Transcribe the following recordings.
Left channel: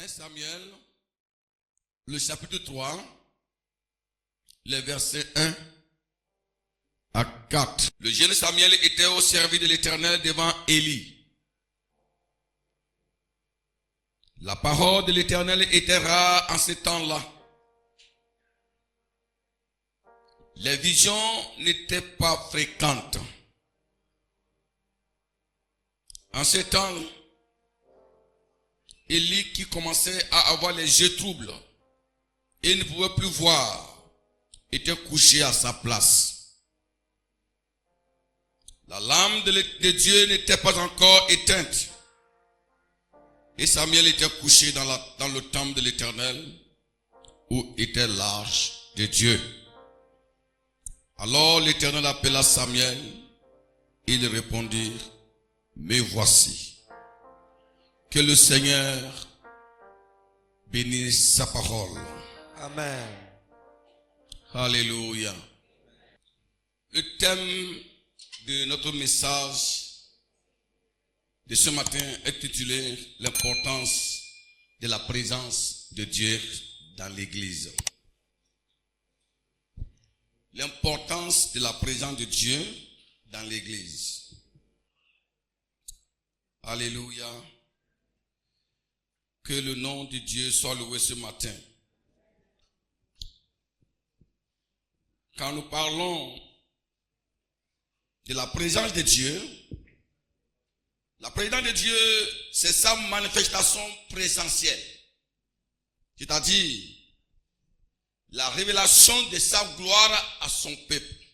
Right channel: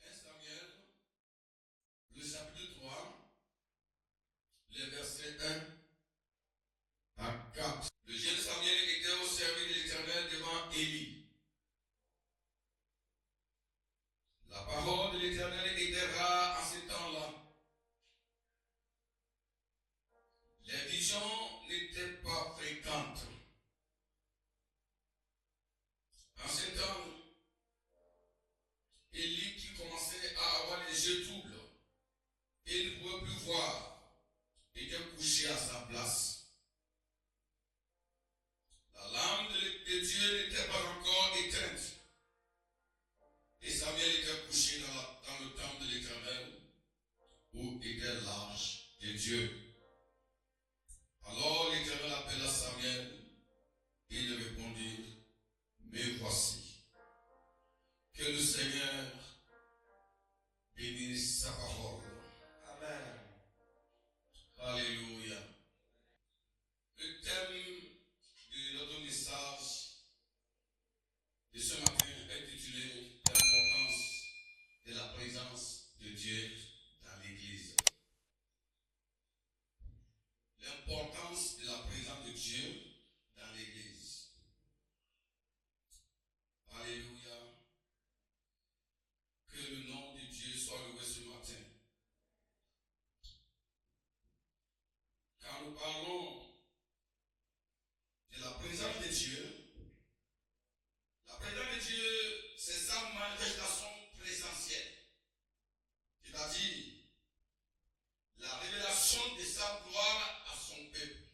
1 Samuel, le chapitre 3, les versets 1 à 4. Le jeune Samuel était au service de l'Éternel devant Élie. La parole de l'Éternel était rare en ce temps-là. Les visions n'étaient pas fréquentes. En ce temps, Élie, qui commençait à avoir les yeux troubles et ne pouvait plus voir, était couché à sa place. La lampe de Dieu n'était pas encore éteinte. Et Samuel était couché dans le temple de l'Éternel, où était l'arche de Dieu. Alors l'Éternel appela Samuel. Il répondit, me voici. Que le Seigneur bénisse sa parole. Amen. Alléluia. Le thème de notre message de ce matin est intitulé l'importance de la présence de Dieu dans l'église. L'importance de la présence de Dieu dans l'église. Alléluia. Que le nom de Dieu soit loué ce matin. Quand nous parlons de la présence de Dieu, la présence de Dieu, c'est sa manifestation présentielle. C'est-à-dire, la révélation de sa gloire à son peuple.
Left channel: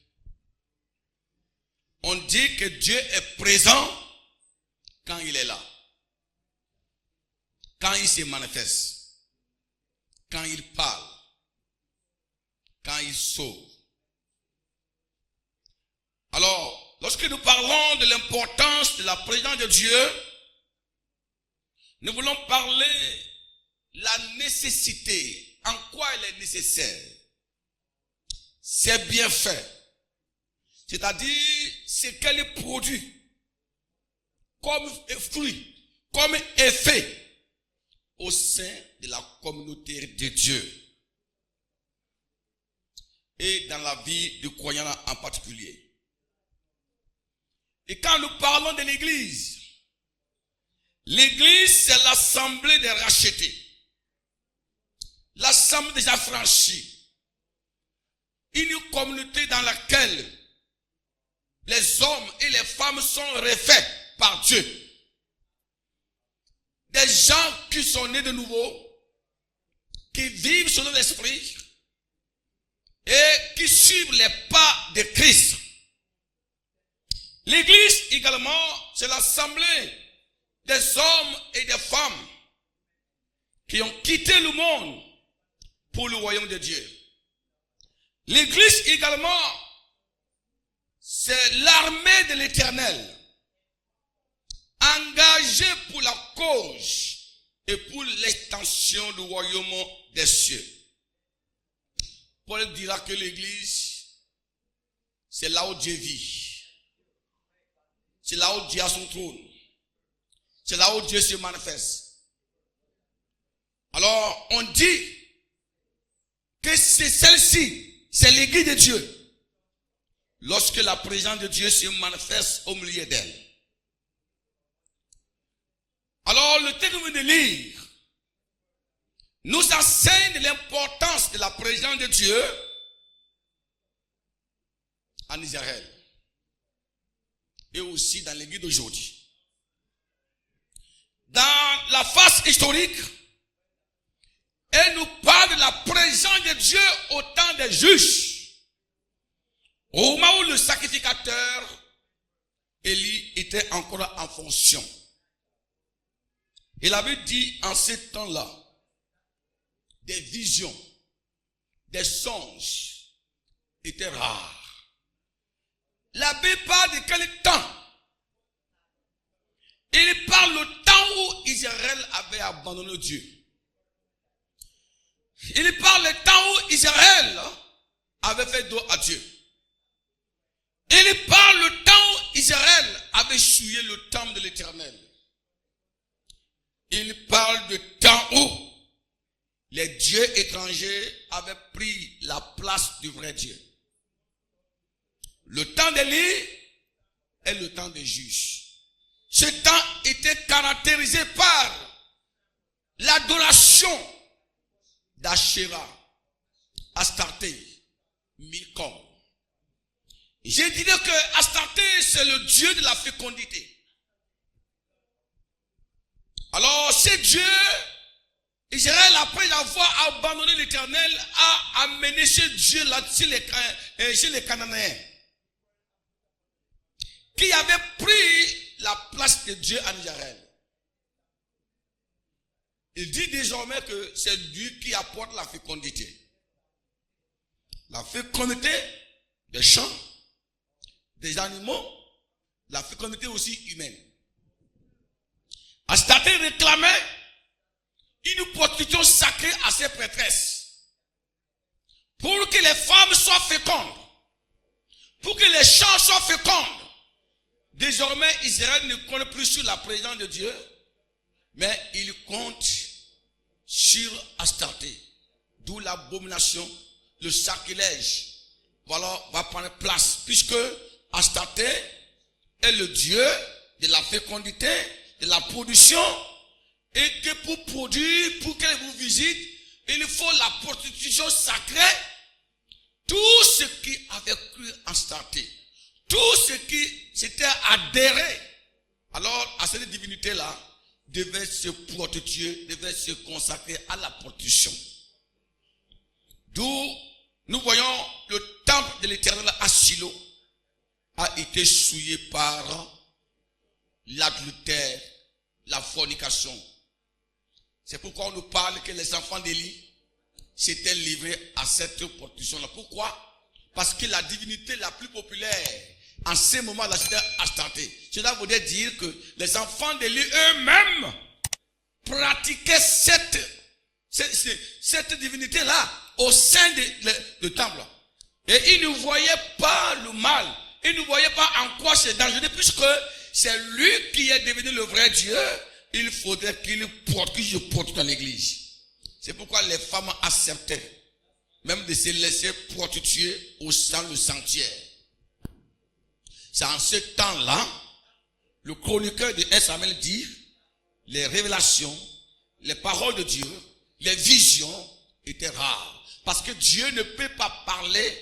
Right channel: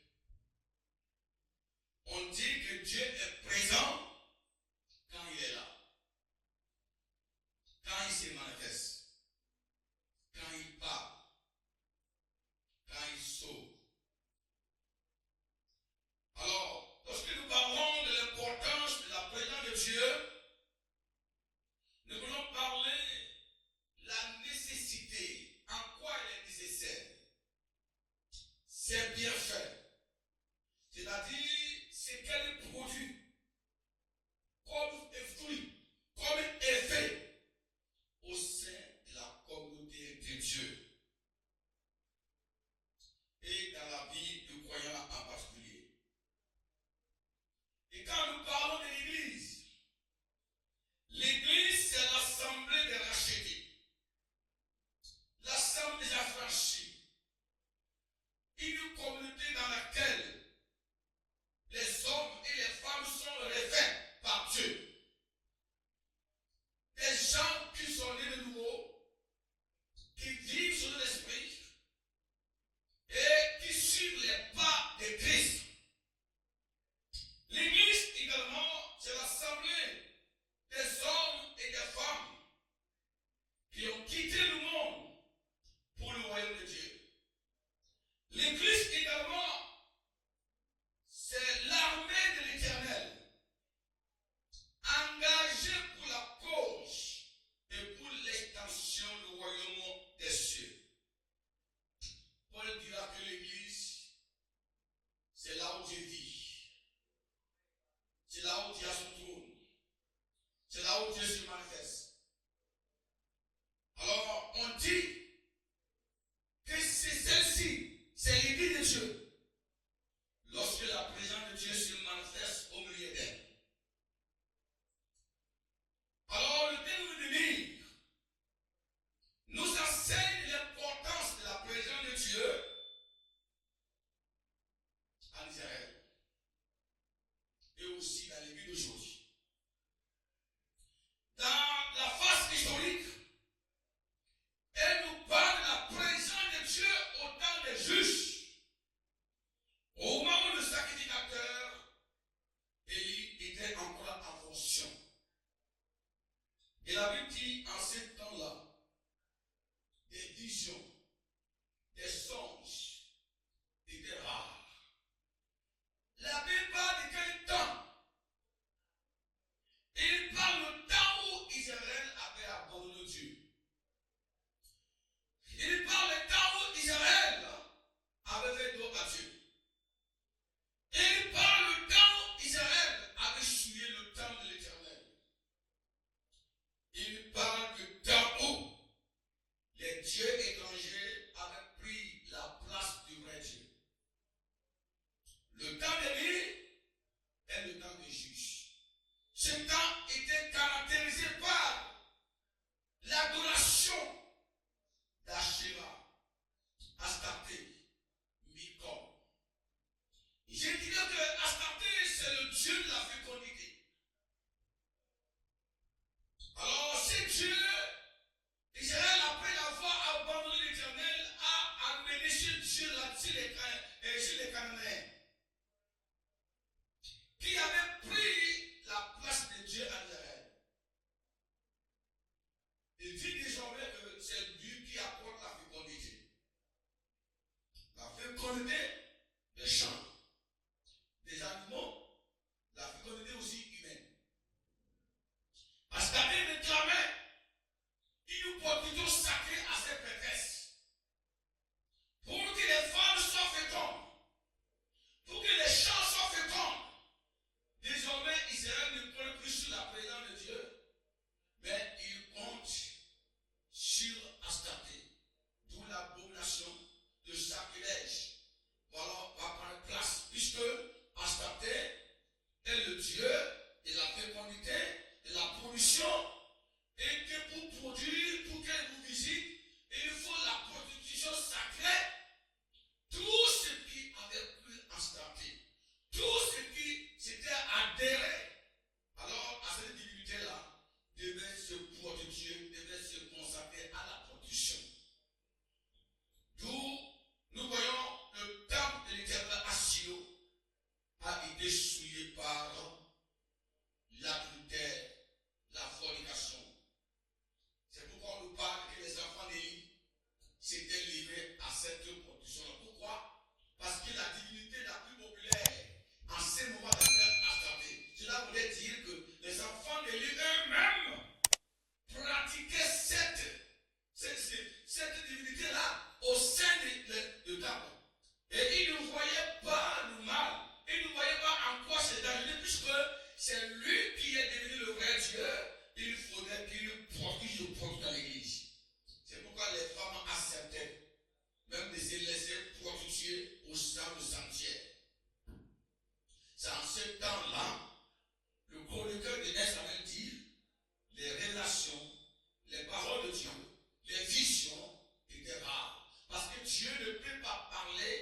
On dit que Dieu est présent quand il est là. Quand il se manifeste. Quand il parle. Quand il sauve. Alors, lorsque nous parlons de l'importance de la présence de Dieu, nous voulons parler de la nécessité. En quoi elle est nécessaire? C'est bien fait. C'est-à-dire ce qu'elle produit comme fruit, comme effet au sein de la communauté de Dieu et dans la vie du croyant en particulier. Et quand nous parlons de l'église, l'église c'est l'assemblée des rachetés. L'assemblée des affranchis. Une communauté dans laquelle les hommes et les femmes sont refaits par Dieu. Des gens qui sont nés de nouveau, qui vivent selon l'esprit et qui suivent les pas de Christ. L'église également, c'est l'assemblée des hommes et des femmes qui ont quitté le monde pour le royaume de Dieu. L'église également, c'est l'armée de l'Éternel, engagée pour la cause et pour l'extension du royaume des cieux. Paul dira que l'église, c'est là où Dieu vit. C'est là où Dieu a son trône. C'est là où Dieu se manifeste. Alors, on dit que c'est celle-ci, c'est l'église de Dieu. Lorsque la présence de Dieu se manifeste au milieu d'elle. Alors, le texte de lire nous enseigne l'importance de la présence de Dieu en Israël. Et aussi dans l'église d'aujourd'hui. Dans la phase historique, elle nous parle de la présence de Dieu au temps des juges. Au moment où le sacrificateur Élie était encore en fonction. Il avait dit en ce temps-là, des visions, des songes étaient rares. La Bible parle de quel temps? Il parle le temps où Israël avait abandonné Dieu. Il parle le temps où Israël avait fait dos à Dieu. Il parle le temps où Israël avait souillé le temple de l'Éternel. Il parle de temps où les dieux étrangers avaient pris la place du vrai Dieu. Le temps d'Élie est le temps des juges. Ce temps était caractérisé par l'adoration d'Ashéra, Astarté, Milcom. Je dirais que Astarté, c'est le dieu de la fécondité. Alors, ce Dieu, Israël, après avoir abandonné l'Éternel, a amené ce Dieu-là chez les Cananéens, qui avait pris la place de Dieu en Israël. Il dit désormais que c'est Dieu qui apporte la fécondité. La fécondité des champs, des animaux, la fécondité aussi humaine. Astarté réclamait une protection sacrée à ses prêtresses pour que les femmes soient fécondes, pour que les champs soient fécondes. Désormais, Israël ne compte plus sur la présence de Dieu, mais il compte sur Astarté, d'où l'abomination, le sacrilège, voilà, va prendre place, puisque Astarté est le dieu de la fécondité, de la production, et que pour produire, pour qu'elle vous visite, il faut la prostitution sacrée. Tout ce qui avait cru en Astarté, tout ce qui s'était adhéré alors à cette divinité-là, devait se prostituer, devait se consacrer à la prostitution. D'où nous voyons le temple de l'Éternel à Shilo a été souillé par l'adultère, la fornication. C'est pourquoi on nous parle que les enfants d'Élie s'étaient livrés à cette prostitution-là. Pourquoi? Parce que la divinité la plus populaire en ce moment-là, c'était Astarté. Cela voudrait dire que les enfants d'Élie eux-mêmes pratiquaient cette divinité-là au sein du temple. Et ils ne voyaient pas le mal. Ils ne voyaient pas en quoi c'est dangereux, puisque c'est lui qui est devenu le vrai Dieu. Il faudrait qu'il porte dans l'église. C'est pourquoi les femmes acceptaient même de se laisser prostituer au sein du sanctuaire. C'est en ce temps-là, le chroniqueur de 1 Samuel dit, les révélations, les paroles de Dieu, les visions étaient rares. Parce que Dieu ne peut pas parler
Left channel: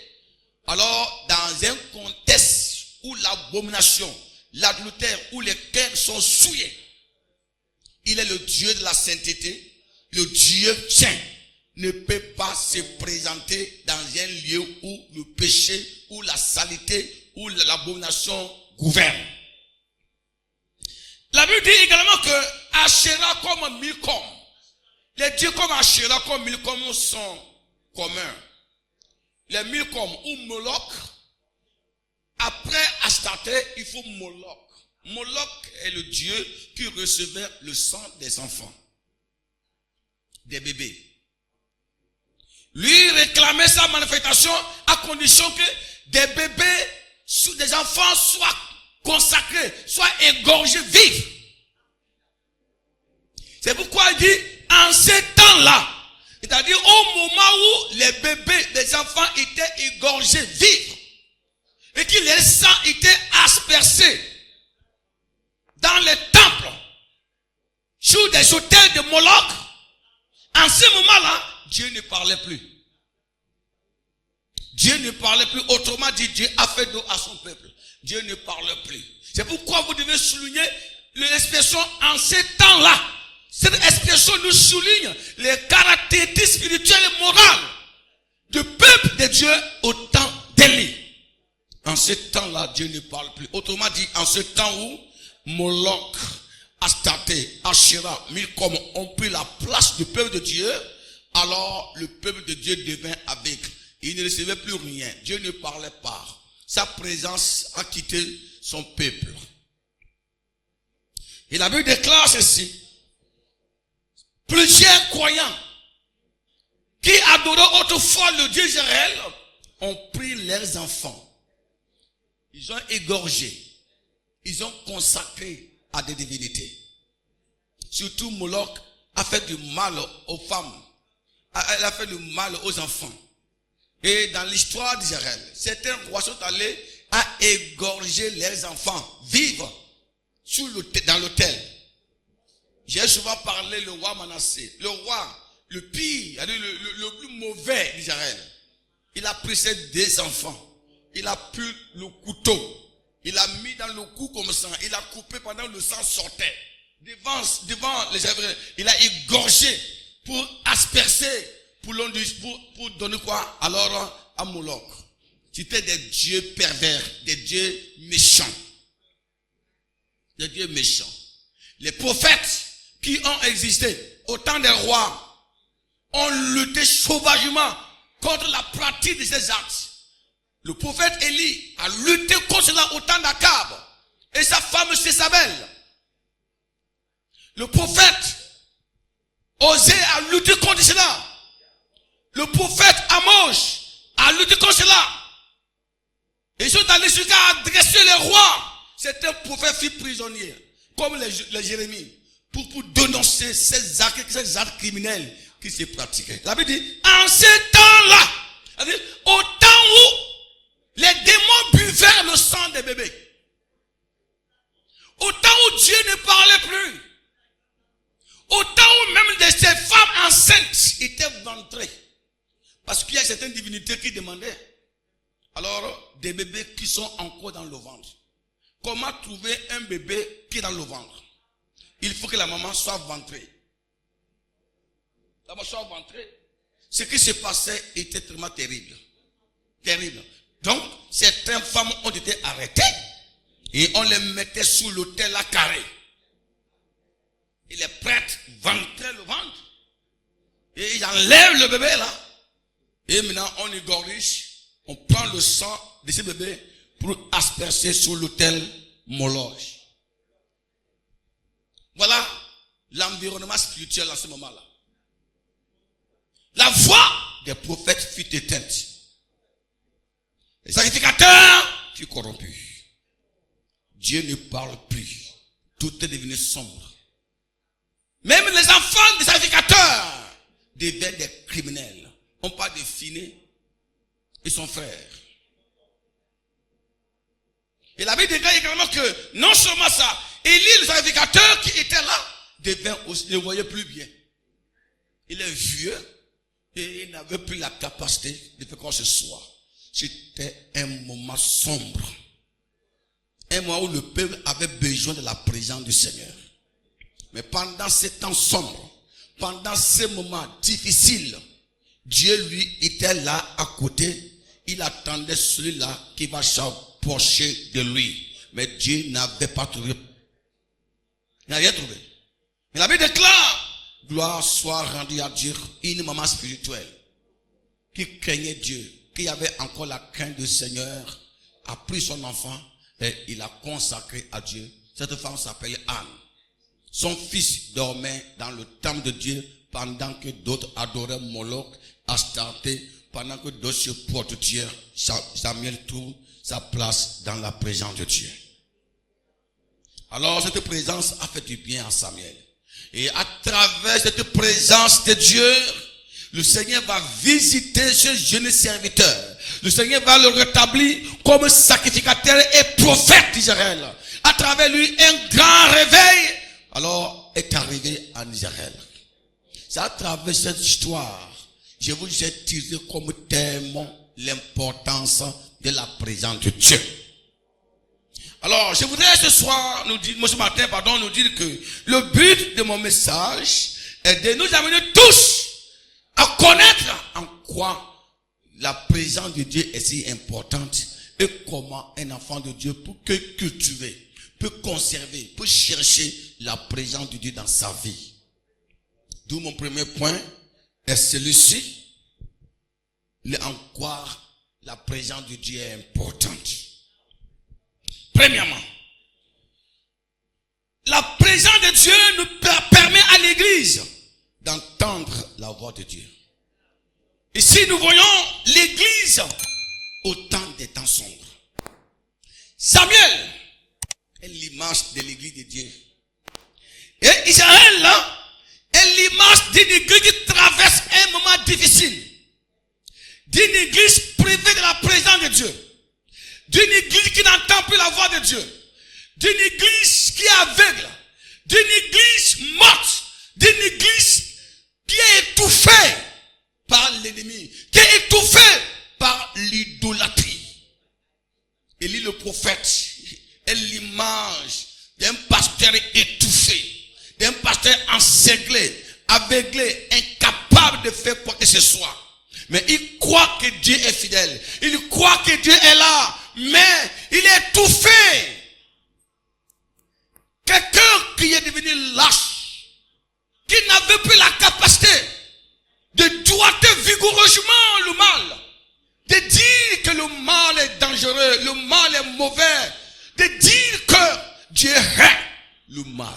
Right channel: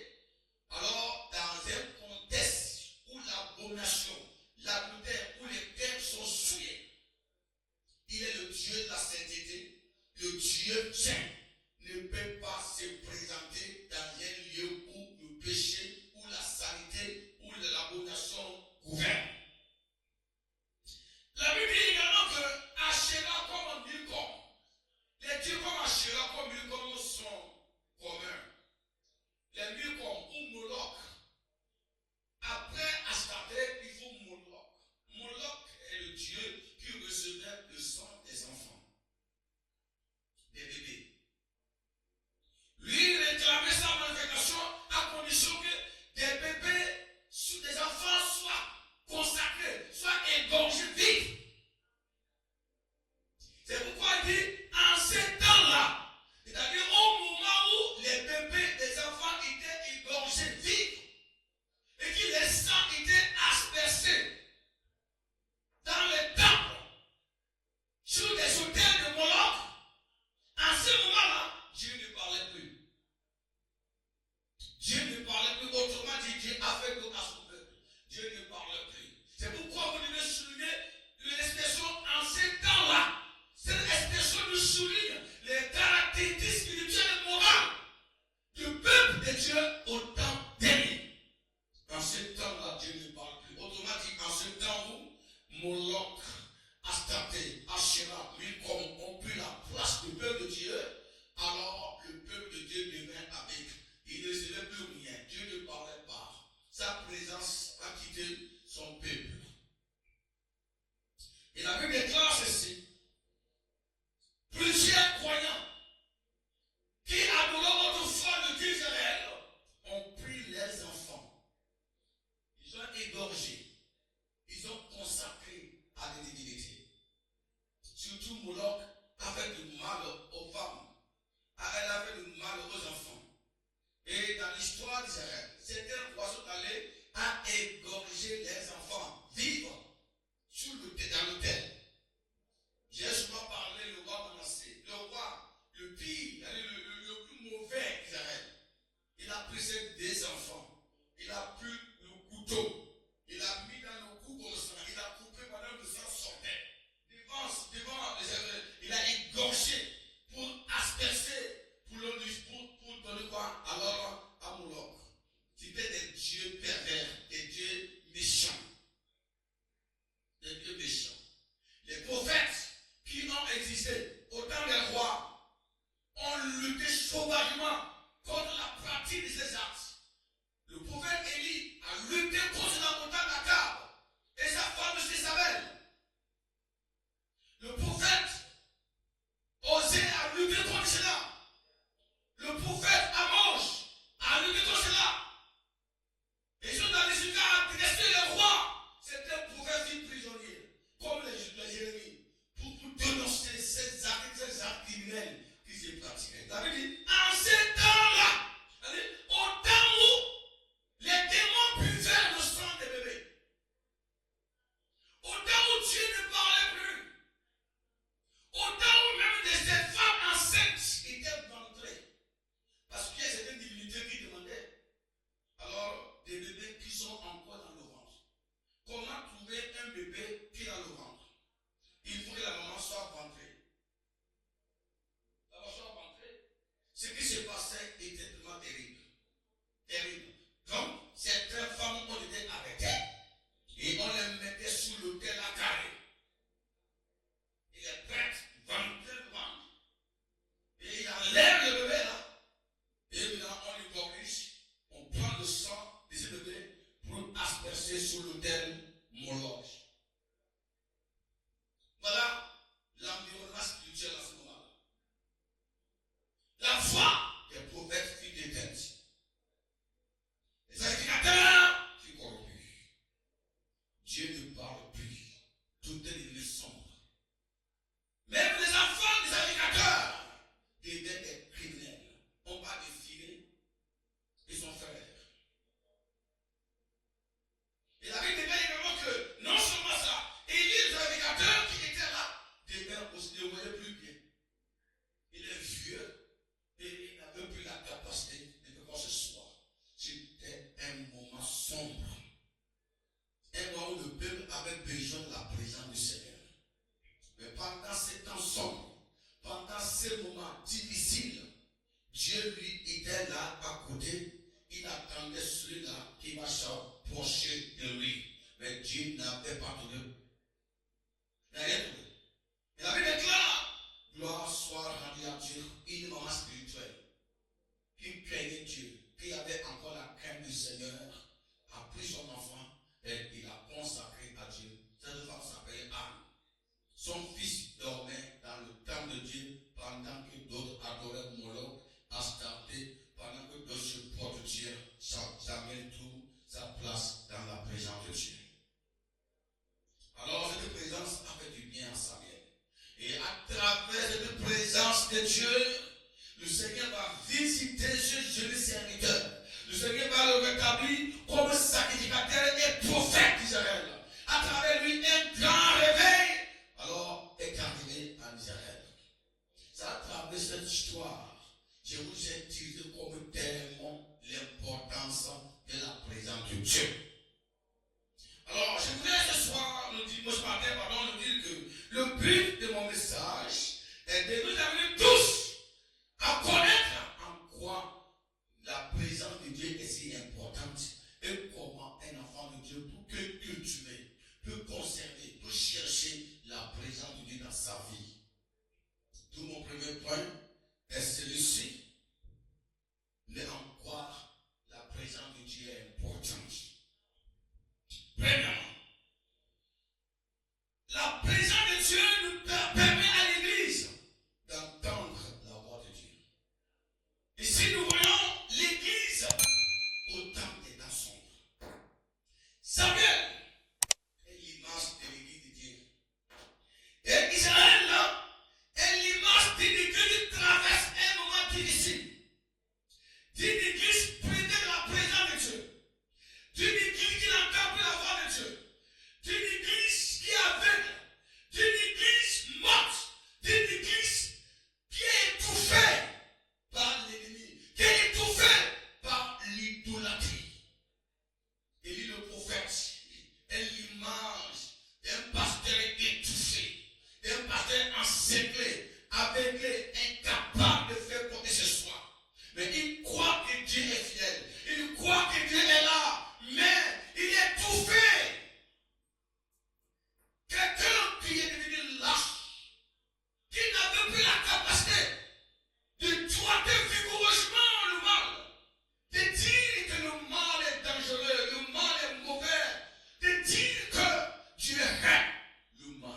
alors dans un contexte où l'abomination, l'adultère, où les cœurs sont souillés. Il est le Dieu de la sainteté, le Dieu saint ne peut pas se présenter dans un lieu où le péché, où la saleté, où l'abomination gouverne. La Bible dit également que Ashéra comme Milcom, les dieux comme Ashéra comme Milcom sont communs. Les Milcom ou Moloch, après Astarté, il faut Moloch. Moloch est le dieu qui recevait le sang des enfants, des bébés. Lui réclamait sa manifestation à condition que des bébés, des enfants soient consacrés, soient égorgés vifs. C'est pourquoi il dit, en ces temps-là, c'est-à-dire au moment où les bébés, les enfants étaient égorgés vifs, et que les sangs étaient aspersés dans les temples, sur des autels de Moloch, en ce moment-là, Dieu ne parlait plus. Dieu ne parlait plus. Autrement dit, Dieu a fait dos à son peuple. Dieu ne parle plus. C'est pourquoi vous devez souligner l'expression en ces temps-là. Cette expression nous souligne les caractéristiques spirituelles et morales du peuple de Dieu au temps d'Élie. En ce temps-là, Dieu ne parle plus. Autrement dit, en ce temps où Moloch, Astarté, Ashéra, Milcom ont pris la place du peuple de Dieu, alors le peuple de Dieu devint aveugle. Il ne recevait plus rien. Dieu ne parlait pas. Sa présence a quitté son peuple. Et la Bible déclare ceci. Plusieurs croyants qui adoraient autrefois le Dieu Israël ont pris leurs enfants. Ils ont égorgé. Ils ont consacré à des divinités. Surtout Moloch a fait du mal aux femmes elle a fait le mal aux enfants. Et dans l'histoire d'Israël, certains rois sont allés à égorger leurs enfants vivre dans l'autel. J'ai souvent parlé le roi Manassé, le roi, le pire, le plus mauvais d'Israël. Il a pris ses deux enfants, il a pris le couteau, il a mis dans le cou comme ça, il a coupé pendant que le sang sortait. Devant les Hébreux, il a égorgé pour asperger, pour donner quoi alors à Moloch. C'était des dieux pervers, des dieux méchants. Des dieux méchants. Les prophètes qui ont existé au temps des rois ont lutté sauvagement contre la pratique de ces actes. Le prophète Élie a lutté contre cela au temps d'Akab et sa femme Jézabel. Le prophète Osée a lutté contre cela. Le prophète Amos a lutté contre cela. Ils sont allés jusqu'à adresser les rois. Certains prophètes furent prisonniers, comme les Jérémie, pour dénoncer ces actes criminels qui se pratiquaient. La Bible dit, en ce temps-là, au temps où les démons buvaient le sang des bébés, au temps où Dieu ne parlait plus, au temps où même de ces femmes enceintes étaient ventrées, parce qu'il y a certaines divinités qui demandaient, alors des bébés qui sont encore dans le ventre. Comment trouver un bébé qui est dans le ventre? Il faut que la maman soit ventrée. La maman soit ventrée. Ce qui se passait était tellement terrible. Terrible. Donc, certaines femmes ont été arrêtées et on les mettait sous l'autel à carré. Et les prêtres ventraient le ventre. Et ils enlèvent le bébé là. Et maintenant, on égorge. On prend le sang de ce bébé pour asperger sur l'autel Moloch. Voilà l'environnement spirituel en ce moment-là. La voix des prophètes fut éteinte. Les sacrificateurs furent corrompus. Dieu ne parle plus. Tout est devenu sombre. Même les enfants des sacrificateurs deviennent des criminels. On parle de Phiné et son frère. Et la Bible déclare également que non seulement ça, Élie, le sacrificateur qui était là, ne voyait plus bien. Il est vieux et il n'avait plus la capacité de faire quoi que ce soit. C'était un moment sombre. Un moment où le peuple avait besoin de la présence du Seigneur. Mais pendant ces temps sombres, pendant ces moments difficiles, Dieu lui était là à côté. Il attendait celui-là qui va s'approcher de lui. Mais Dieu n'avait pas trouvé. Il n'a rien trouvé. Mais la Bible déclare, gloire soit rendue à Dieu, une maman spirituelle qui craignait Dieu, qui avait encore la crainte du Seigneur, a pris son enfant et il l'a consacré à Dieu. Cette femme s'appelle Anne. Son fils dormait dans le temple de Dieu pendant que d'autres adoraient Moloch, Astarté, pendant que d'autres se portent Dieu. Samuel trouve sa place dans la présence de Dieu. Alors cette présence a fait du bien à Samuel. Et à travers cette présence de Dieu, le Seigneur va visiter ce jeune serviteur. Le Seigneur va le rétablir comme sacrificateur et prophète d'Israël. À travers lui, un grand réveil alors est arrivé en Israël. C'est à travers cette histoire, je vous ai tiré comme témoin l'importance de la présence de Dieu. Alors, je voudrais ce soir, ce matin, nous dire que le but de mon message est de nous amener tous à connaître en quoi la présence de Dieu est si importante et comment un enfant de Dieu peut cultiver, peut conserver, peut chercher la présence de Dieu dans sa vie. D'où mon premier point est celui-ci, en quoi la présence de Dieu est importante. Premièrement, la présence de Dieu nous permet à l'église d'entendre la voix de Dieu. Ici, nous voyons l'église au temps des temps sombres. Samuel est l'image de l'église de Dieu. Et Israël, là, est l'image d'une église qui traverse un moment difficile, d'une église privée de la présence de Dieu, d'une église qui n'entend plus la voix de Dieu, d'une église qui est aveugle, d'une église morte, d'une église qui est étouffée par l'ennemi, qui est étouffée par l'idolâtrie. Élie le prophète est l'image d'un pasteur étouffé, d'un pasteur encerclé, aveuglé, incapable de faire quoi que ce soit. Mais il croit que Dieu est fidèle. Il croit que Dieu est là. Mais il est étouffé. Quelqu'un qui est devenu lâche, qui n'avait plus la capacité de doigter vigoureusement le mal, de dire que le mal est dangereux, le mal est mauvais, de dire que Dieu hait le mal.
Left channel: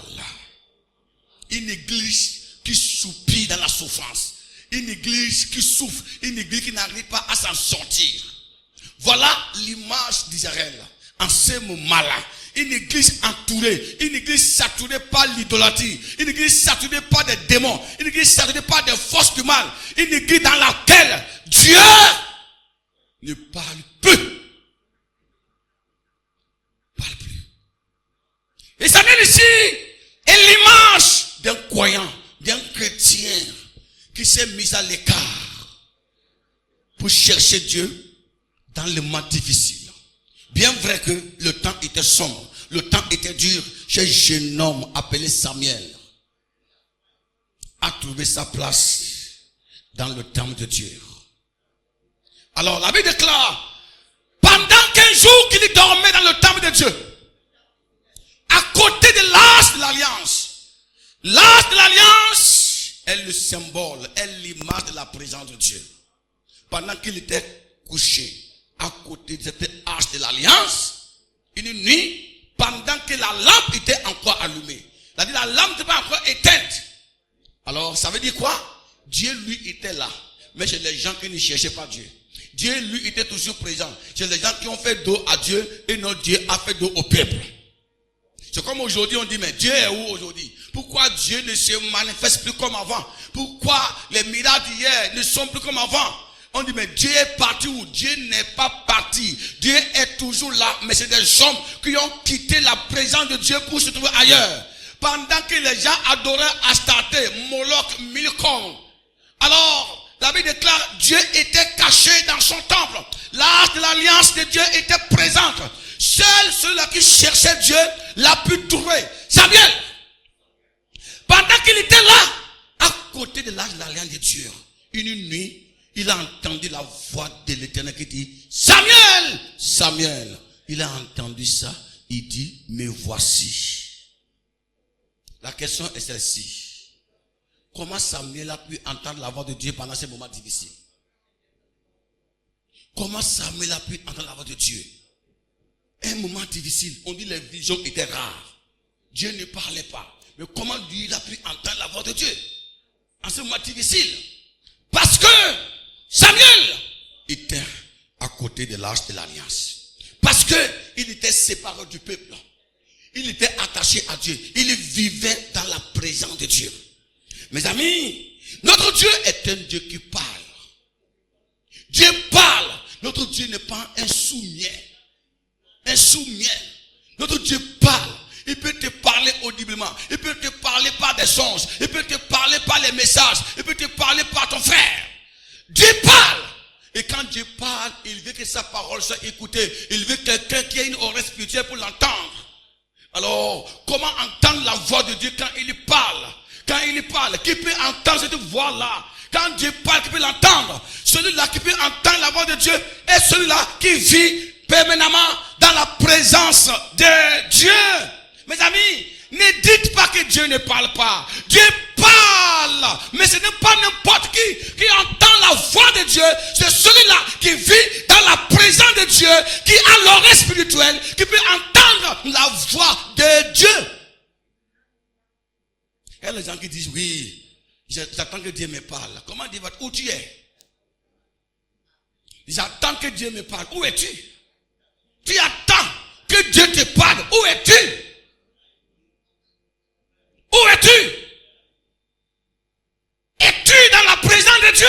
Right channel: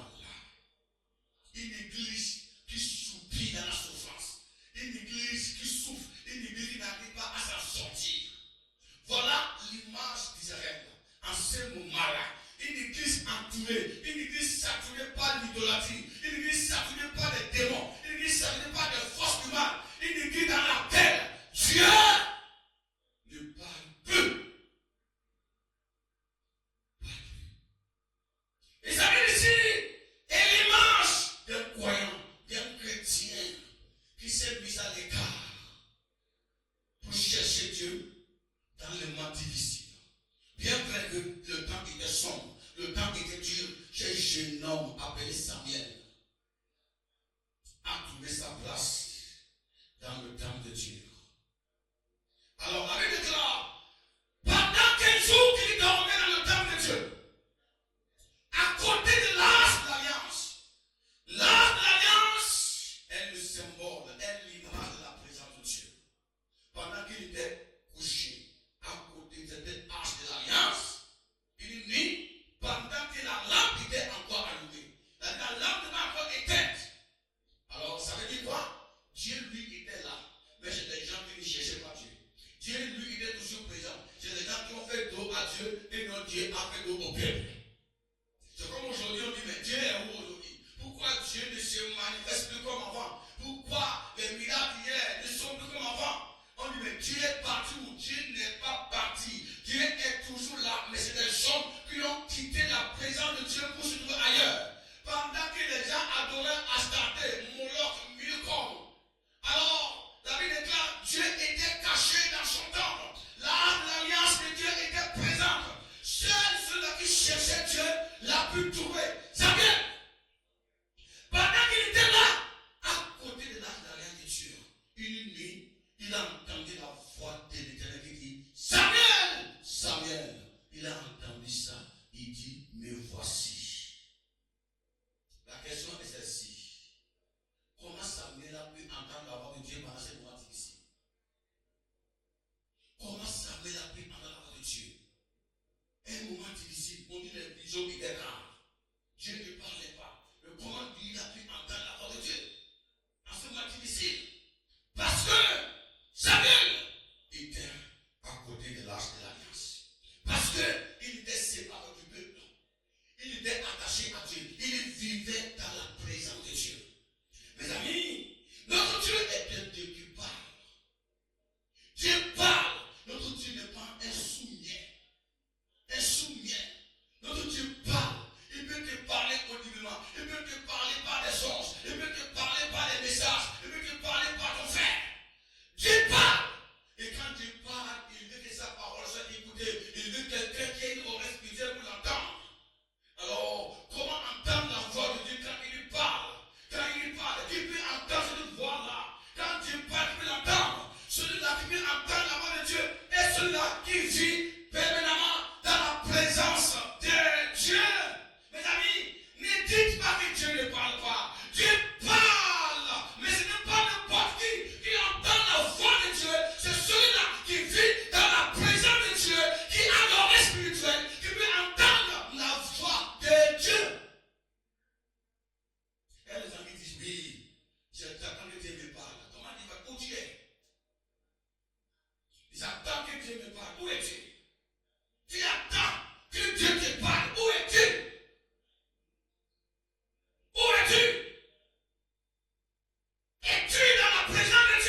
Une église qui soupire dans la souffrance, une église qui souffre, une église qui n'arrive pas à s'en sortir. Voilà l'image d'Israël en ce moment-là. Une église entourée, une église saturée par l'idolâtrie, une église saturée par des démons, une église saturée par des forces du mal, une église dans laquelle Dieu ne parle plus. Parle plus. Et ça vient ici est l'image d'un croyant, d'un chrétien qui s'est mis à l'écart pour chercher Dieu dans le moment difficile. Bien vrai que le temps était sombre, le temps était dur, chez un jeune homme appelé Samuel a trouvé sa place dans le temple de Dieu. Alors la Bible déclare, pendant 15 jours qu'il dormait dans le temple de Dieu, à côté de l'arche de l'alliance. L'arche de l'alliance est le symbole, est l'image de la présence de Dieu. Pendant qu'il était couché à côté de cette arche de l'alliance, une nuit, pendant que la lampe était encore allumée, c'est-à-dire la lampe n'était pas encore éteinte. Alors ça veut dire quoi? Dieu lui était là, mais chez les gens qui ne cherchaient pas Dieu. Dieu lui était toujours présent chez les gens qui ont fait dos à Dieu et notre Dieu a fait dos au peuple. C'est comme aujourd'hui on dit, mais Dieu est où aujourd'hui? Pourquoi Dieu ne se manifeste plus comme avant? Pourquoi les miracles d'hier ne sont plus comme avant? On dit, mais Dieu est parti où? Dieu n'est pas parti. Dieu est toujours là, mais c'est des hommes qui ont quitté la présence de Dieu pour se trouver ailleurs. Pendant que les gens adoraient Astarté, Moloch, Milcom. Alors, la Bible déclare, Dieu était caché dans son temple. L'arche de l'alliance de Dieu était présente. Seuls ceux-là qui cherchaient Dieu l'a pu trouver. Samuel, pendant qu'il était là, à côté de l'arche de l'alliance de Dieu, une nuit, il a entendu la voix de l'Éternel qui dit, Samuel, Samuel. Il a entendu ça, il dit, me voici. La question est celle-ci. Comment Samuel a pu entendre la voix de Dieu pendant ces moments difficiles? Comment Samuel a pu entendre la voix de Dieu? Un moment difficile, on dit les visions étaient rares. Dieu ne parlait pas. Mais comment lui il a pu entendre la voix de Dieu en ce moment difficile? Parce que Samuel était à côté de l'arche de l'alliance. Parce qu'il était séparé du peuple. Il était attaché à Dieu. Il vivait dans la présence de Dieu. Mes amis, notre Dieu est un Dieu qui parle. Dieu parle. Notre Dieu n'est pas un sourd-muet. Un sourd-muet. Notre Dieu parle. Il peut te parler audiblement. Il peut te parler par des songes. Il peut te parler par les messages. Il peut te parler par ton frère. Dieu parle. Et quand Dieu parle, il veut que sa parole soit écoutée. Il veut quelqu'un qui ait une oreille spirituelle pour l'entendre. Alors, comment entendre la voix de Dieu quand il parle? Quand il parle, qui peut entendre cette voix-là? Quand Dieu parle, qui peut l'entendre? Celui-là qui peut entendre la voix de Dieu est celui-là qui vit permanemment dans la présence de Dieu. Mes amis, ne dites pas que Dieu ne parle pas. Dieu parle, mais ce n'est pas n'importe qui entend la voix de Dieu. C'est celui-là qui vit dans la présence de Dieu, qui a l'oreille spirituelle, qui peut entendre la voix de Dieu. Il y a des gens qui disent, oui, j'attends que Dieu me parle. Comment Dieu va? Où tu es? J'attends que Dieu me parle. Où es-tu? Tu attends que Dieu te parle. Où es-tu? Où es-tu? Es-tu dans la présence de Dieu?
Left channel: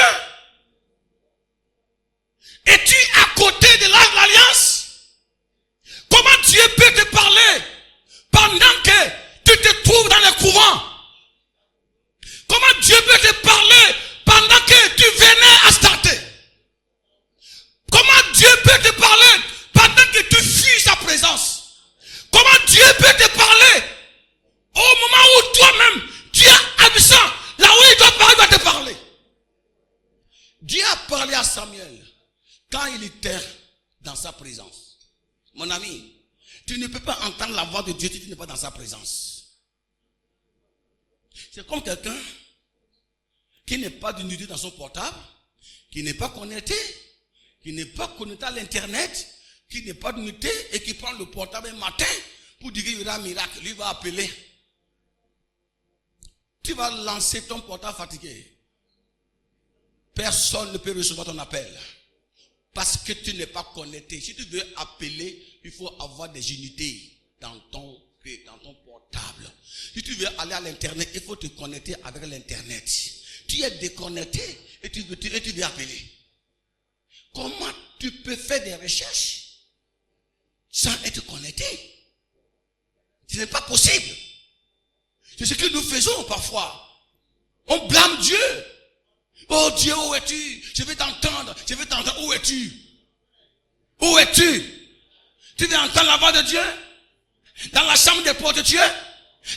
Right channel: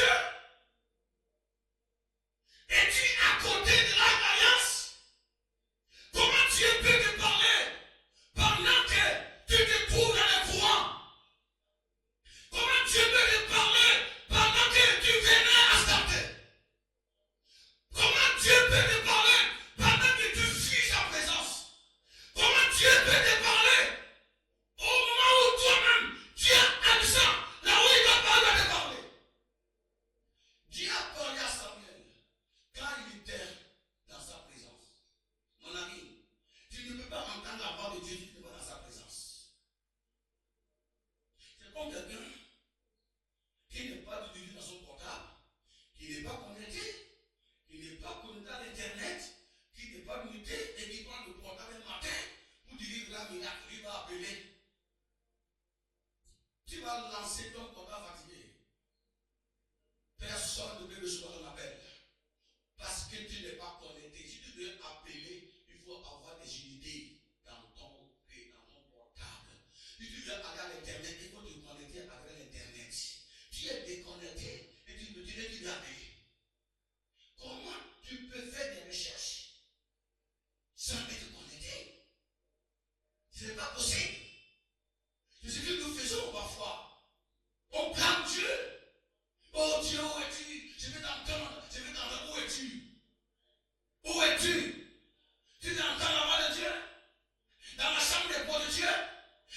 Dieu a parlé à Samuel quand il était dans sa présence. Mon ami, tu ne peux pas entendre la voix de Dieu si tu n'es pas dans sa présence. C'est comme quelqu'un qui n'est pas d'unité dans son portable, qui n'est pas connecté, à l'internet, qui n'est pas d'unité et qui prend le portable un matin pour dire qu'il y aura un miracle. Lui va appeler. Tu vas lancer ton portable fatigué. Personne ne peut recevoir ton appel. Parce que tu n'es pas connecté. Si tu veux appeler, il faut avoir des unités dans ton portable. Si tu veux aller à l'internet, il faut te connecter avec l'internet. Tu es déconnecté et tu veux appeler. Comment tu peux faire des recherches sans être connecté? Ce n'est pas possible. C'est ce que nous faisons parfois. On blâme Dieu. Oh Dieu, où es-tu? Je vais t'entendre. Où es-tu? Où es-tu? Tu veux entendre la voix de Dieu? Dans la chambre des portes de Dieu?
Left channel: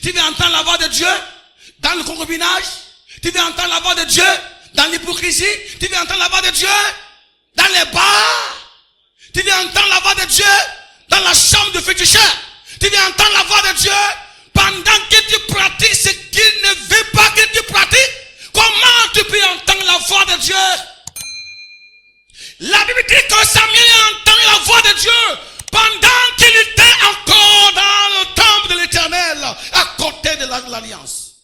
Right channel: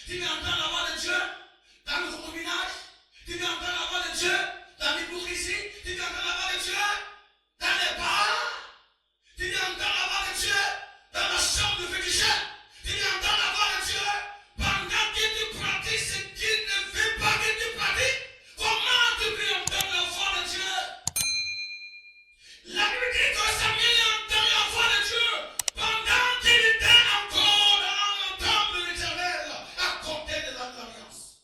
Tu veux entendre la voix de Dieu? Dans le concubinage? Tu veux entendre la voix de Dieu? Dans l'hypocrisie? Tu veux entendre la voix de Dieu? Dans les bars? Tu veux entendre la voix de Dieu? Dans la chambre de féticheur? Tu veux entendre la voix de Dieu? Pendant que tu pratiques ce qu'il ne veut pas que tu pratiques? Comment tu peux entendre la voix de Dieu? La Bible dit que Samuel a entendu la voix de Dieu pendant qu'il était encore dans le temple de l'Éternel, à côté de l'alliance.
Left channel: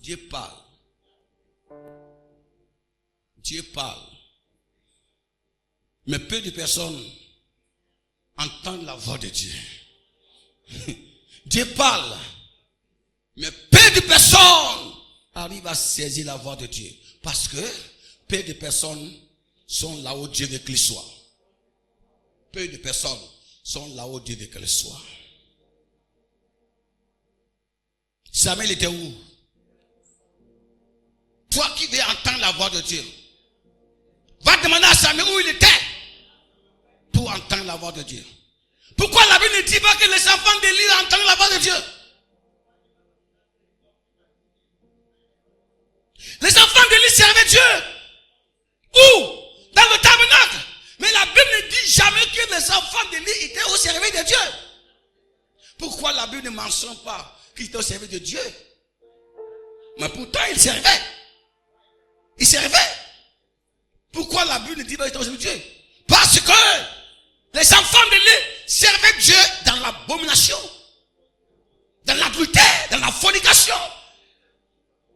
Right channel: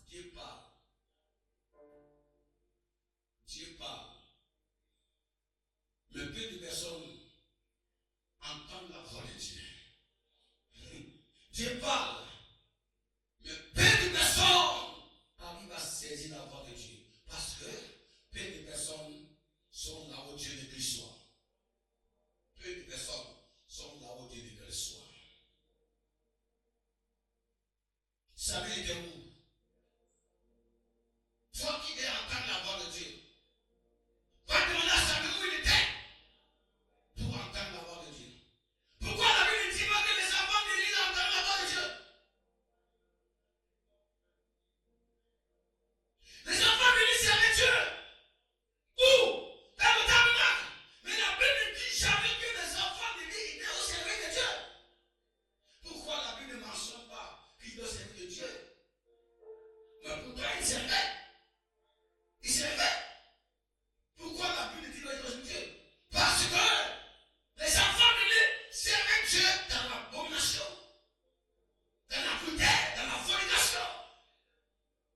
Dieu parle. Dieu parle. Mais peu de personnes entendent la voix de Dieu. Dieu parle. Mais peu de personnes arrivent à saisir la voix de Dieu. Parce que peu de personnes sont là où Dieu veut qu'ils soient. Peu de personnes sont là où Dieu veut qu'elles soient. Samuel était où? Toi qui veux entendre la voix de Dieu, va demander à Samuel où il était pour entendre la voix de Dieu. Pourquoi la Bible ne dit pas que les enfants d'Élie entendent la voix de Dieu? Les enfants d'Élie servaient Dieu. Où? Dans le tabernacle. Mais la Bible ne dit jamais que les enfants d'Élie étaient au service de Dieu. Pourquoi la Bible ne mentionne pas qu'ils étaient au service de Dieu? Mais pourtant ils servaient. Ils servaient. Pourquoi la Bible ne dit pas qu'ils étaient au service de Dieu? Parce que les enfants d'Élie servaient Dieu dans l'abomination, dans l'adultère, dans la fornication.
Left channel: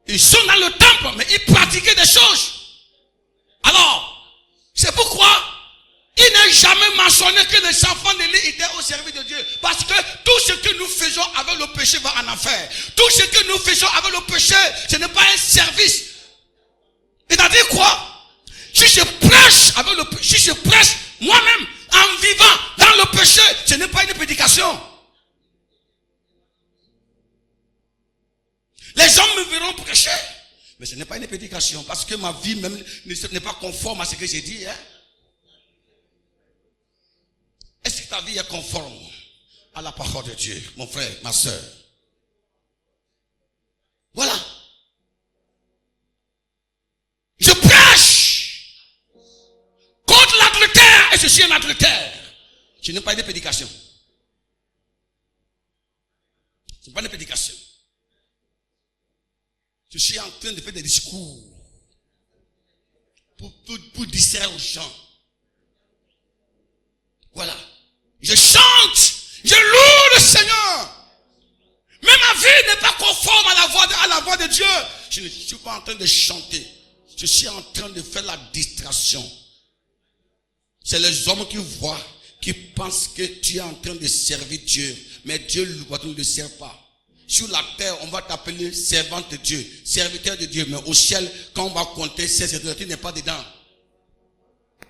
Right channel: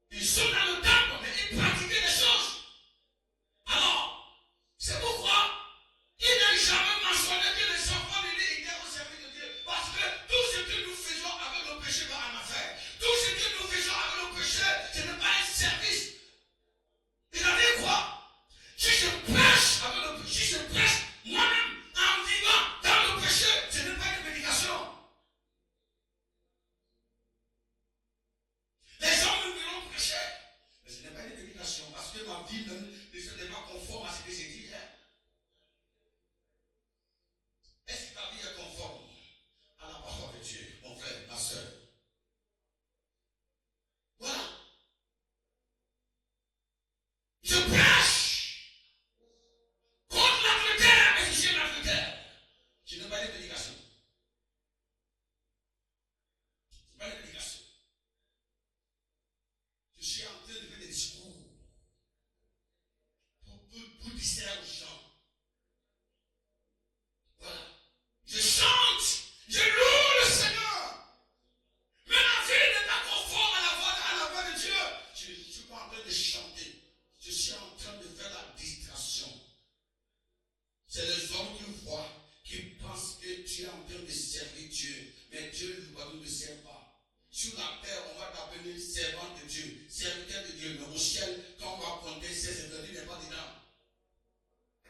Ils sont dans le temple, mais ils pratiquaient des choses. Alors, c'est pourquoi il n'est jamais mentionné que les enfants d'Élie étaient au service de Dieu. Parce que tout ce que nous faisons avec le péché va en enfer. Tout ce que nous faisons avec le péché, ce n'est pas un service. C'est-à-dire quoi? Si je prêche avec le péché, si je prêche moi-même en vivant dans le péché, ce n'est pas une prédication. Les gens me verront prêcher. Mais ce n'est pas une prédication. Parce que ma vie même n'est pas conforme à ce que j'ai dit. Hein? Est-ce que ta vie est conforme à la parole de Dieu, mon frère, ma soeur? Voilà. Je prêche contre l'adultère et je suis un adultère. Ce n'est pas une prédication. Ce n'est pas une prédication. Je suis en train de faire des discours pour distraire aux gens. Voilà. Je chante, je loue le Seigneur. Mais ma vie n'est pas conforme à la voix de Dieu. Je ne suis pas en train de chanter. Je suis en train de faire la distraction. C'est les hommes qui voient, qui pensent que tu es en train de servir Dieu. Mais Dieu ne le sert pas. Sur la terre, on va t'appeler servante de Dieu, serviteur de Dieu. Mais au ciel, quand on va compter ces serviteurs, tu n'es pas dedans.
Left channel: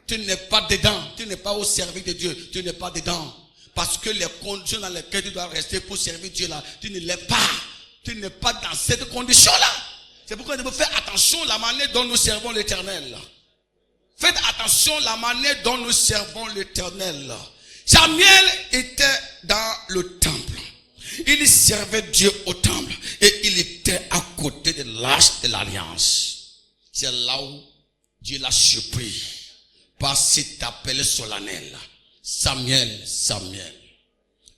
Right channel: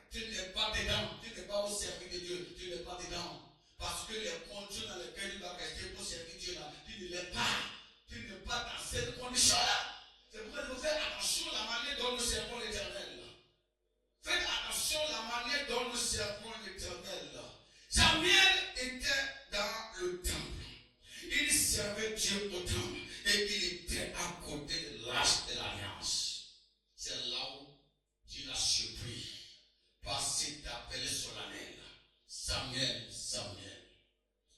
Tu n'es pas dedans. Tu n'es pas au service de Dieu. Tu n'es pas dedans. Parce que les conditions dans lesquelles tu dois rester pour servir Dieu là, tu ne l'es pas. Tu n'es pas dans cette condition-là. C'est pourquoi nous devons faire attention à la manière dont nous servons l'Éternel. Faites attention à la manière dont nous servons l'Éternel. Samuel était dans le temple. Il servait Dieu au temple et il était à côté de l'arche de l'alliance. l'a surpris par cet appel solennel. Samuel, Samuel.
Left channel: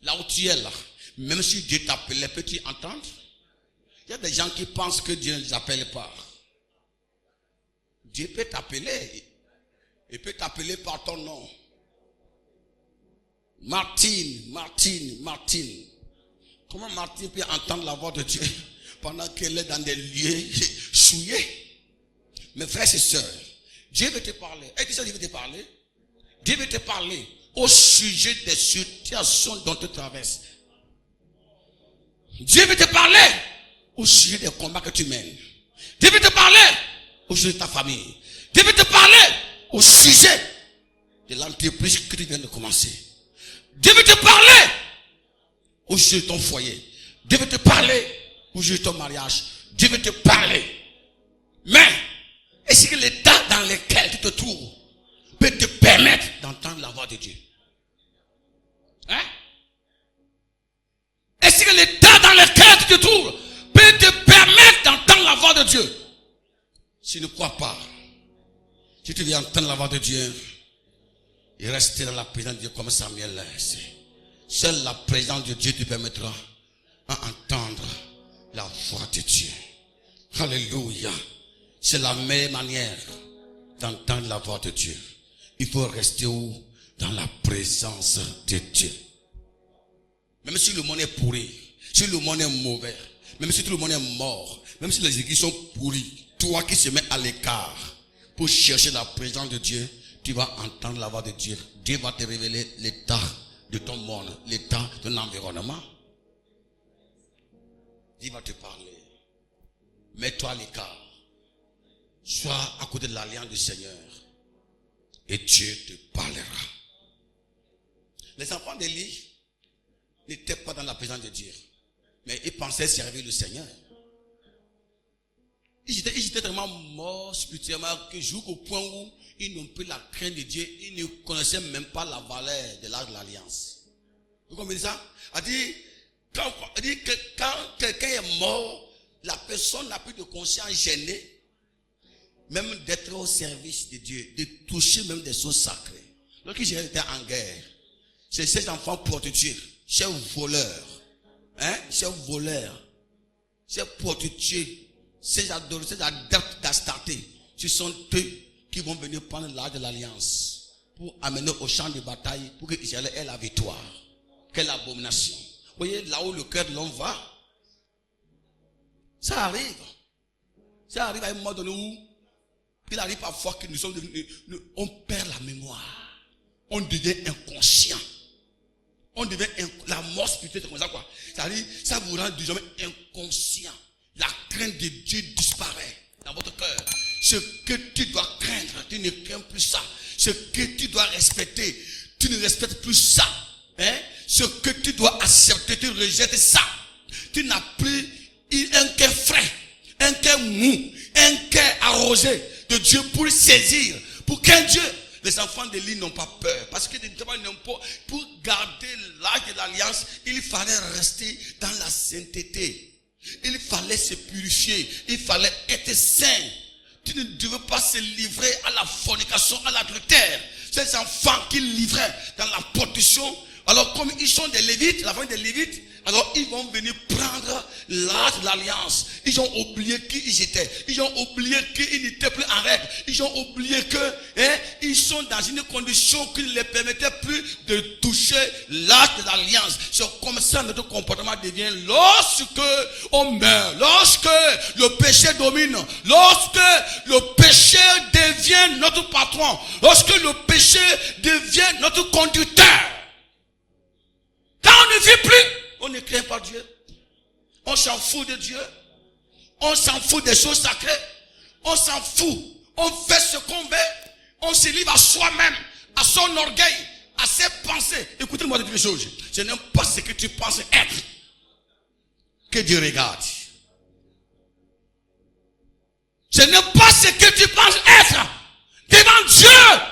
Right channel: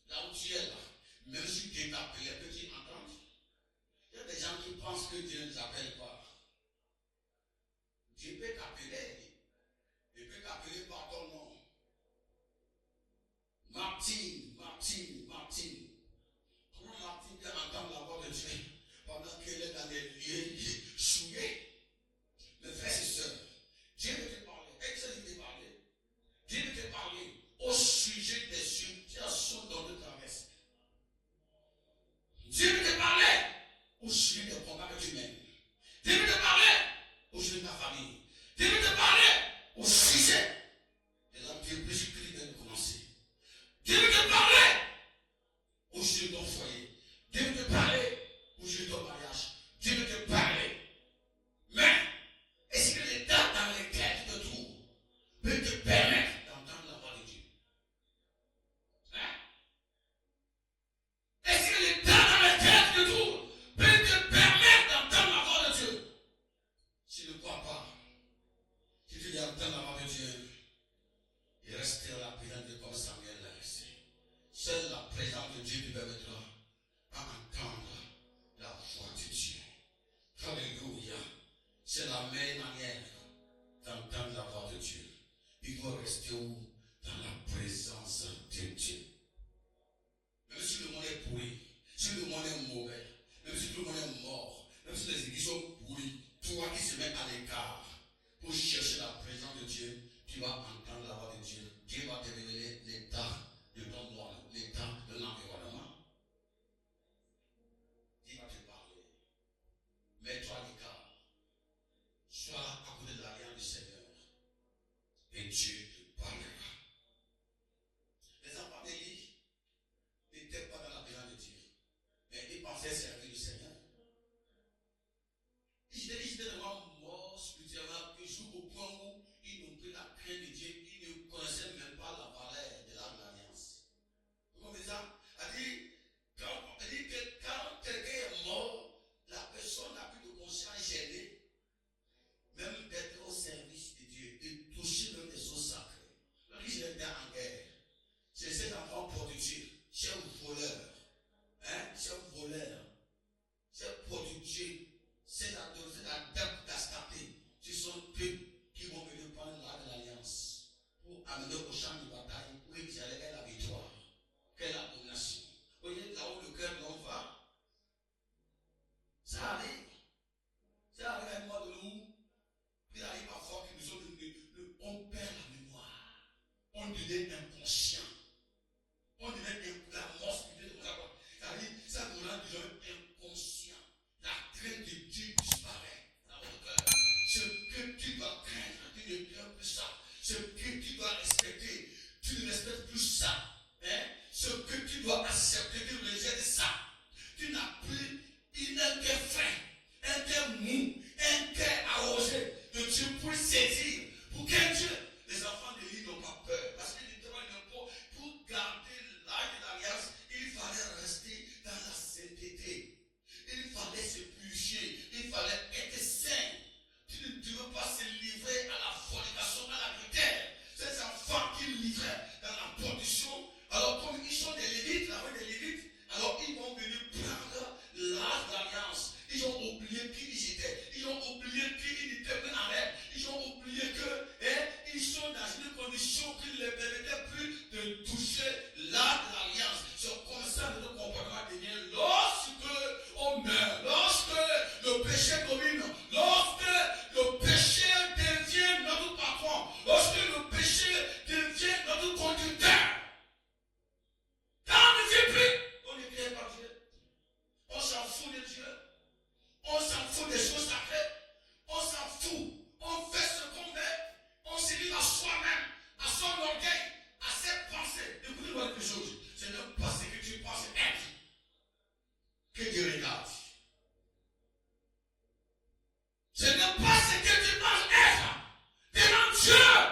Là où tu es là, même si Dieu t'appelait, peux-tu entendre? Il y a des gens qui pensent que Dieu ne les appelle pas. Dieu peut t'appeler. Il peut t'appeler par ton nom. Martine, Martine, Martine. Comment Martine peut entendre la voix de Dieu pendant qu'elle est dans des lieux souillés? Mes frères et sœurs, Dieu veut te parler. Est-ce que Dieu veut te parler? Dieu veut te parler au sujet des situations dont tu traverses. Dieu veut te parler au sujet des combats que tu mènes. Dieu veut te parler au sujet de ta famille. Dieu veut te parler au sujet de l'entreprise que tu viens de commencer. Dieu veut te parler au sujet de ton foyer. Dieu veut te parler au sujet de ton mariage. Dieu veut te parler. Mais, est-ce que l'état dans lequel tu te trouves peut te permettre d'entendre la voix de Dieu? Hein? Est-ce que l'état dans lequel tu te trouves peut te permettre d'entendre la voix de Dieu? Si tu ne crois pas, si tu veux entendre la voix de Dieu, et rester dans la présence de Dieu comme Samuel l'a resté. Seule la présence de Dieu te permettra d'entendre la voix de Dieu. Alléluia. C'est la meilleure manière d'entendre la voix de Dieu. Il faut rester où? Dans la présence de Dieu. Même si le monde est pourri, si le monde est mauvais, même si tout le monde est mort, même si les églises sont pourries, toi qui se mets à l'écart pour chercher la présence de Dieu, tu vas entendre la voix de Dieu. Dieu va te révéler l'état de ton monde, l'état de ton environnement. Dieu va te parler. Mets-toi à l'écart. Sois à côté de l'alliance du Seigneur. Et Dieu te parlera. Les enfants d'Élie n'étaient pas dans la présence de Dieu. Mais ils pensaient servir le Seigneur. Ils étaient tellement morts spirituellement que jusqu'au point où ils n'ont plus la crainte de Dieu. Ils ne connaissaient même pas la valeur de l'alliance. Vous comprenez ça? Quand quelqu'un est mort, la personne n'a plus de conscience gênée, même d'être au service de Dieu, de toucher même des choses sacrées. Lorsqu'ils étaient en guerre, c'est ces enfants prostitués, ces voleurs, ces voleurs, ces prostitués, ces adolescents, ces adeptes d'Astarté, ce sont eux qui vont venir prendre l'arche de l'alliance pour amener au champ de bataille pour que Israël ait la victoire. Quelle abomination. Vous voyez là où le cœur de l'homme va, ça arrive. Ça arrive à un moment donné où il arrive parfois que nous sommes devenus, on perd la mémoire. On devient inconscient. On devient la mort spirituelle, c'est comme ça quoi. Ça vous rend désormais inconscient. La crainte de Dieu disparaît dans votre cœur. Ce que tu dois craindre, tu ne crains plus ça. Ce que tu dois respecter, tu ne respectes plus ça. Ce que tu dois accepter, tu rejettes ça. Tu n'as plus un cœur frais, un cœur mou, un cœur arrosé de Dieu pour saisir. Pour qu'un Dieu, les enfants d'Élie n'ont pas peur. Parce que pour garder l'arche de l'alliance, il fallait rester dans la sainteté. Il fallait se purifier. Il fallait être saint. Tu ne devais pas se livrer à la fornication, à l'adultère. Ces enfants qui livraient dans la prostitution, alors comme ils sont des Lévites, la famille des Lévites, alors ils vont venir prendre l'arche de l'alliance. Ils ont oublié qui ils étaient. Ils ont oublié qu'ils n'étaient plus en règle. Ils ont oublié que ils sont dans une condition qui ne les permettait plus de toucher l'arche de l'alliance. C'est comme ça que notre comportement devient lorsque on meurt, lorsque le péché domine, lorsque le péché devient notre patron, lorsque le péché devient notre conducteur. Quand on ne vit plus, on ne craint pas Dieu. On s'en fout de Dieu. On s'en fout des choses sacrées. On s'en fout. On fait ce qu'on veut. On se livre à soi-même, à son orgueil, à ses pensées. Écoutez-moi de quelque chose. Ce n'est pas ce que tu penses être que Dieu regarde. Ce n'est pas ce que tu penses être devant Dieu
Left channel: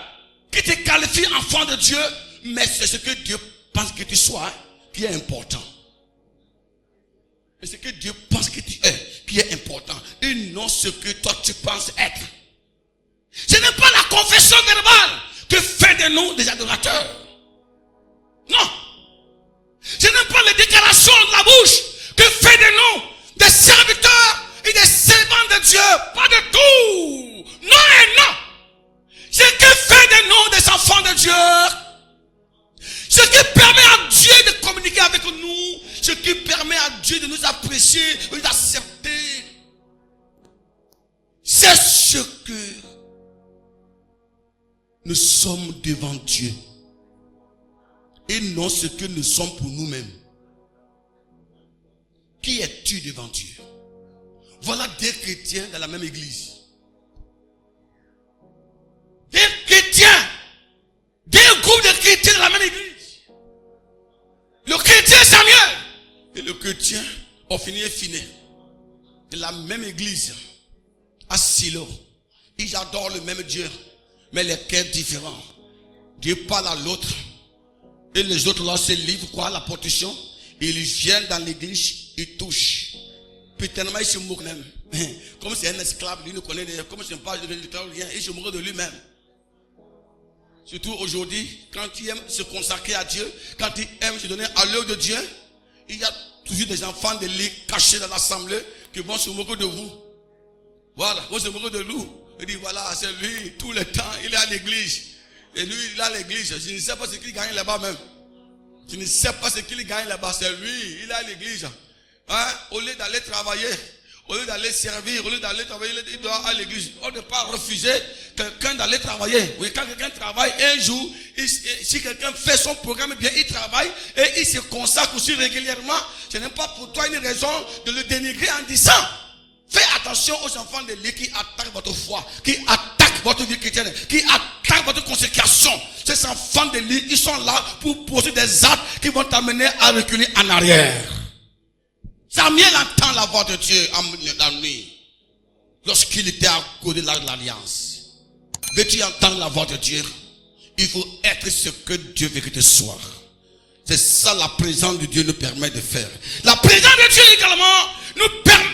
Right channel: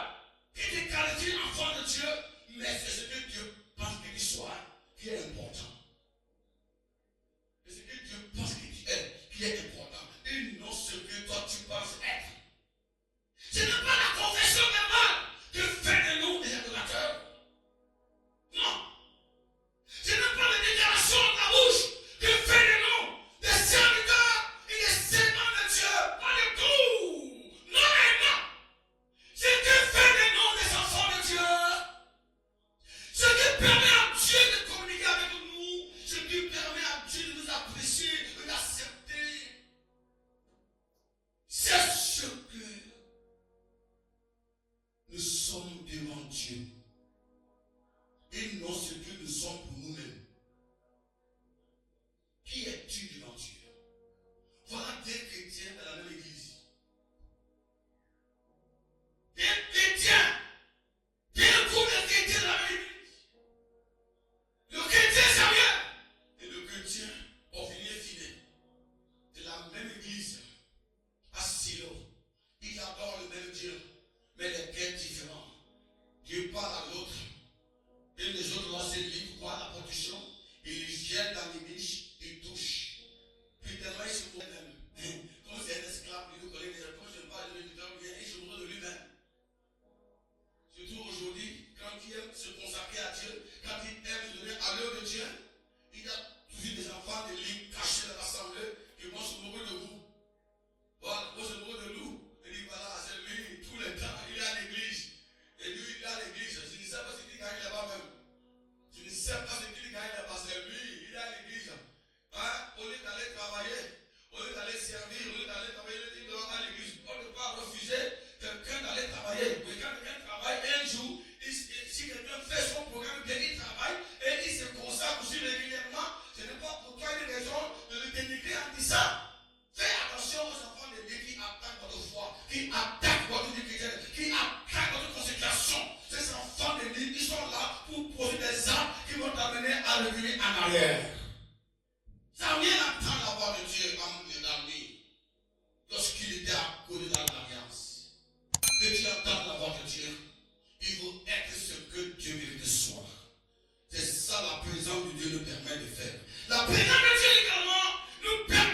qui te qualifie enfant de Dieu, mais c'est ce que Dieu pense que tu sois qui est important. Et ce que Dieu pense que tu es qui est important. Et non ce que toi tu penses être. Ce n'est pas de nous des adorateurs. Non. Ce n'est pas les déclarations de la bouche que fait de nous des serviteurs et des servants de Dieu. Pas de tout. Non et non. Ce qui fait de nous des enfants de Dieu, ce qui permet à Dieu de communiquer avec nous, ce qui permet à Dieu de nous apprécier, de nous accepter, c'est ce que nous sommes devant Dieu et non ce que nous sommes pour nous-mêmes. Qui es-tu devant Dieu? Voilà deux chrétiens dans la même église. Des chrétiens, des groupes de chrétiens dans la même église. Le chrétien Samuel et le chrétien Ophini et Phiné de la même église à Silo. Ils adorent le même Dieu, mais les cœurs différents. Dieu parle à l'autre et les autres là se livrent quoi, la protection. Ils viennent dans l'église, ils touchent. Puis tellement ils se moquent même. Comme c'est un esclave, lui ne connaît rien. Comme c'est pas rien, il se moque de lui-même. Surtout aujourd'hui, quand il aime se consacrer à Dieu, quand il aime se donner à l'œuvre de Dieu, il y a toujours des enfants de lui cachés dans l'assemblée qui vont se moquer de vous. Voilà, vont se moquer de nous. Il dit voilà, c'est lui, tout le temps, il est à l'église. Et lui, il est à l'église. Je ne sais pas ce qu'il gagne là-bas même. Je ne sais pas ce qu'il gagne là-bas. C'est lui, il est à l'église. Hein? Au lieu d'aller travailler, au lieu d'aller servir, au lieu d'aller travailler, il doit à l'église. On ne peut pas refuser quelqu'un d'aller travailler. Oui, quand quelqu'un travaille un jour, si quelqu'un fait son programme bien, il travaille et il se consacre aussi régulièrement. Ce n'est pas pour toi une raison de le dénigrer en disant fais attention aux enfants de Dieu qui attaquent votre foi, qui attaquent votre vie chrétienne, qui attaquent votre consécration. Ces enfants de Dieu, ils sont là pour poser des actes qui vont t'amener à reculer en arrière. Samuel entend la voix de Dieu dans la nuit, lorsqu'il était à côté de l'alliance. Veux-tu entendre la voix de Dieu? Il faut être ce que Dieu veut que tu sois. C'est ça la présence de Dieu nous permet de faire. La présence de Dieu également nous permet